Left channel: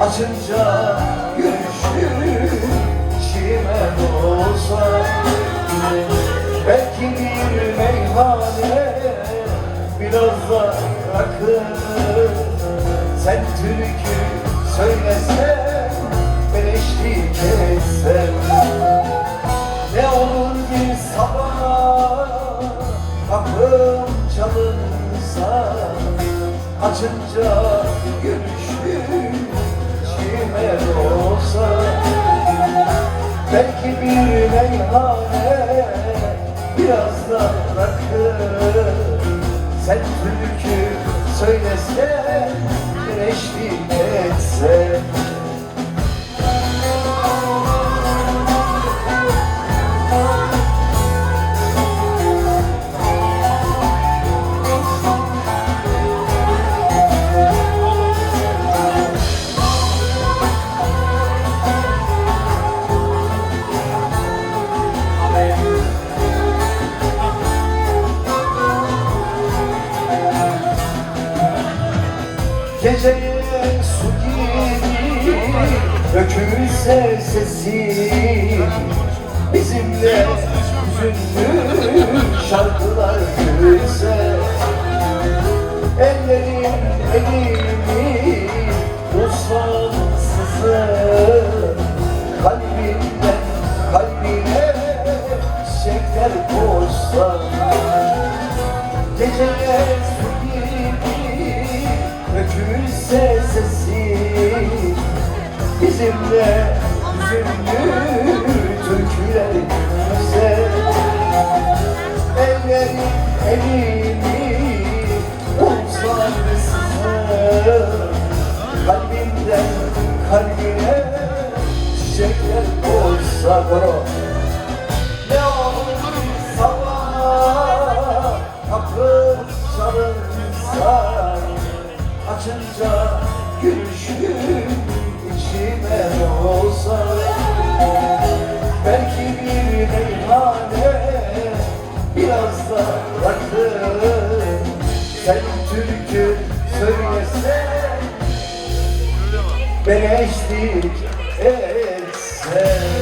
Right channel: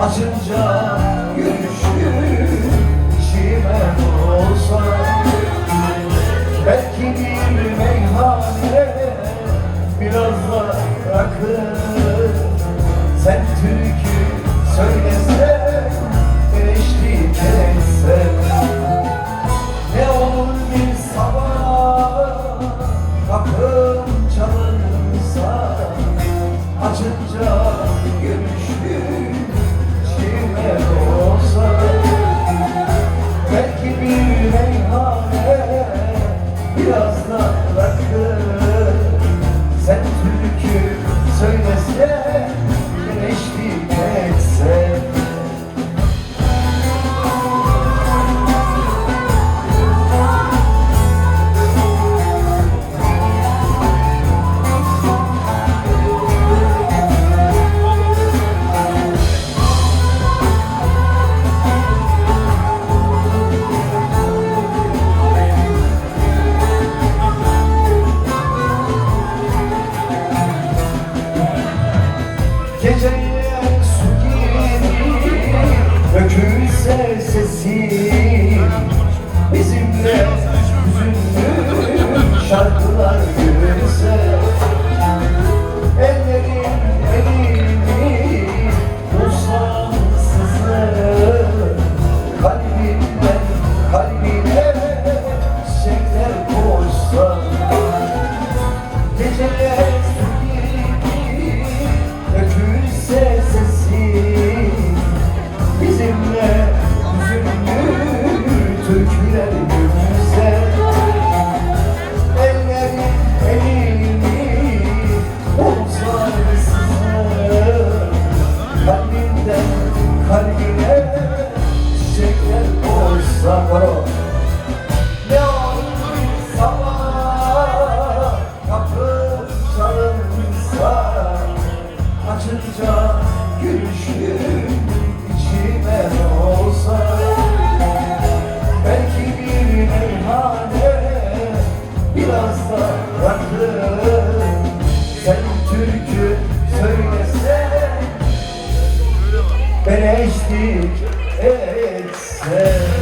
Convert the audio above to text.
Açınca gülüşün içime olsa, belki bir meyhane biraz da rakı. Sen türkü söylesen, ben eşlik etsem, ne olur bir sabah kapım çalınsa, açınca gülüşün içime olsa, belki bir meyhane biraz da rakı. Sen türkü söylesen, ben eşlik etsem. Geceler su gibi dökülse sesin, bizimle hüzünlü şarkılar yürüse, ellerin elini bulsam sızır, kalbimden kalbine çiçekler koşsa. Geceler su dökülse sesin, bizimle hüzünlü türküler gülse, ellerin elini bulsa sızır, kalbimden kalbine çiçekler koysa. Ne olur bir sabah kapı çalınsa, açınca gülüşün içime olsa, belki bir meyhane biraz da rakı. Sen türkü söylesen, ben eşlik etsem.